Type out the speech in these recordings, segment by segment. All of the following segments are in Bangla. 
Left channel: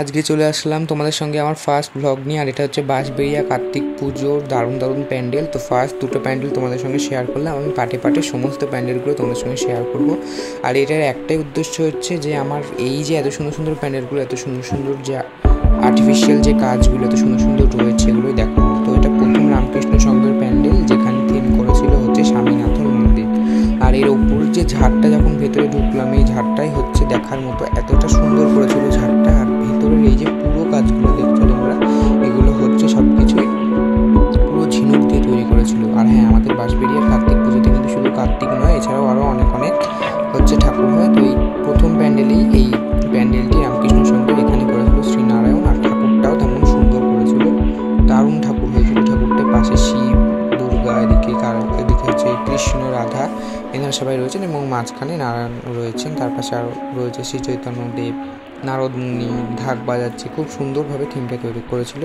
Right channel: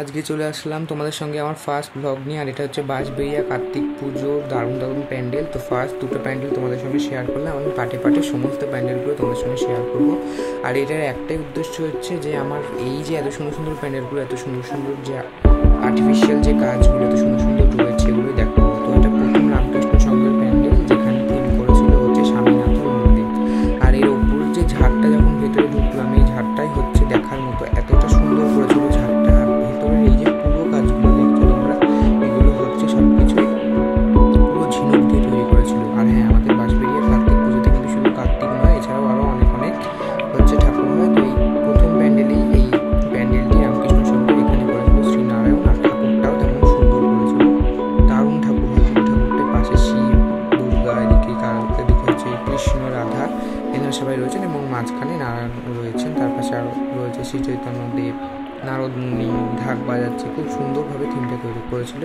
আজকে চলে আসলাম তোমাদের সঙ্গে আমার ফার্স্ট ব্লগ নিয়ে। আর এটা হচ্ছে বাঁশবেড়িয়া কার্তিক পুজোর দারুণ প্যান্ডেল। তো ফার্স্ট দুটো প্যান্ডেল তোমাদের সঙ্গে শেয়ার করলাম। আমি পাটে সমস্ত প্যান্ডেলগুলো তোমাদের সঙ্গে শেয়ার করব। আর এটার একটাই উদ্দেশ্য হচ্ছে যে আমার এই যে এত সুন্দর প্যান্ডেলগুলো, এত সুন্দর যে আর্টিফিশিয়াল যে কাজগুলো এত সুন্দর রয়েছে, এগুলো দেখানো। তো এটা প্রথম রামকৃষ্ণ সংঘের প্যান্ডেল, যেখানে থিম করেছিল হচ্ছে স্বামীনাথের মন্দির। আর এর ওপর যে ঝাড়টা যখন ভেতরে ঢুকলাম, এই ঝাড়টাই হচ্ছে দেখার মতো, এতটা সুন্দর করেছিল ঝাড়টা। আর ভেতরের এই যে পুরো কাজগুলো দেখছো তোমরা, এগুলো হচ্ছে সব কিছুই পুরো ঝিনুক দিয়ে তৈরি করেছিল। আর হ্যাঁ, আমাদের বাঁশবেড়িয়া কার্তিক পুজোতে কিন্তু শুধু কার্তিক নয়, এছাড়াও আরও অনেক হচ্ছে ঠাকুর হয়। তো এই প্রথম প্যান্ডেলেই এই প্যান্ডেলটি রামকৃষ্ণ সংঘের এখানে করেছিল শ্রীনারায়ণ। আর ঠাকুরটাও তেমন সুন্দর করেছিল, দারুণ ঠাকুর হয়েছিল। ঠাকুরটার পাশে শিব, দুর্গা, এদিকে হচ্ছে কৃষ্ণ, রাধা, এনারা সবাই রয়েছেন এবং মাঝখানে নারায়ণ রয়েছেন। তার পাশে আরও রয়েছে শ্রী চৈতন্যদেব, নারদ মুনি ঢাক বাজাচ্ছে। খুব সুন্দরভাবে থিমটা তৈরি করেছিল।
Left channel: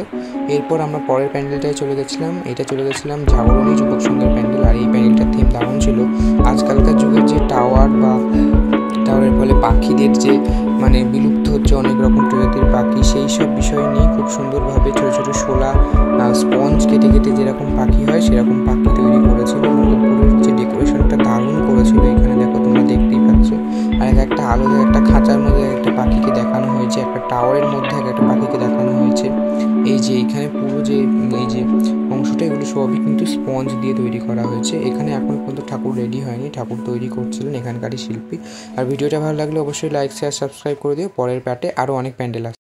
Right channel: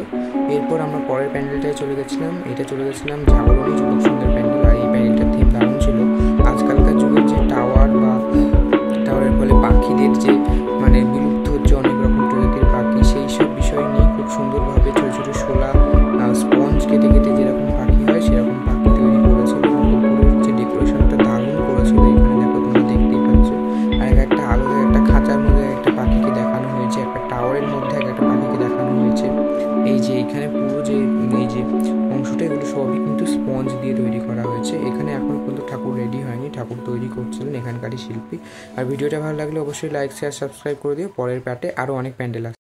এরপর আমরা পরের প্যান্ডেলটায় চলে গেছিলাম। জাগরণী যুবক সংঘের প্যান্ডেল। আর এই প্যান্ডেলটার থিম দারুণ ছিল। আজকালকার যুগের যে টাওয়ারের ফলে পাখিদের যে বিলুপ্ত হচ্ছে অনেক রকম প্রজাতির পাখি, সেই সব বিষয় নিয়ে খুব সুন্দরভাবে ছোটো ছোটো শোলা স্পঞ্জ কেটে যেরকম পাখি হয় সেরকম পাখি তৈরি করেছিল। এবং উপরের যে ডেকোরেশনটা দারুণ করেছিল। এখানে দেখো, তোমরা দেখতেই পাচ্ছ। আর একটা আলাদা একটা খাঁচার মধ্যে একটা পাখিকে দেখানো হয়েছে, একটা টাওয়ারের মধ্যে একটা পাখিকে দেখানো হয়েছে। এই যে এখানে পুরো যে এই যে অংশটা, এগুলো সবই কিন্তু স্পঞ্জ দিয়ে তৈরি করা হয়েছে। এখানে এখনও পর্যন্ত ঠাকুর রেডি হয়নি, ঠাকুর তৈরি করছিলেন এখানকারই শিল্পী। আর ভিডিওটা ভালো লাগলে অবশ্যই লাইক, শেয়ার, সাবস্ক্রাইব করে দিও। পরের পার্টে আরও অনেক প্যান্ডেল আছে।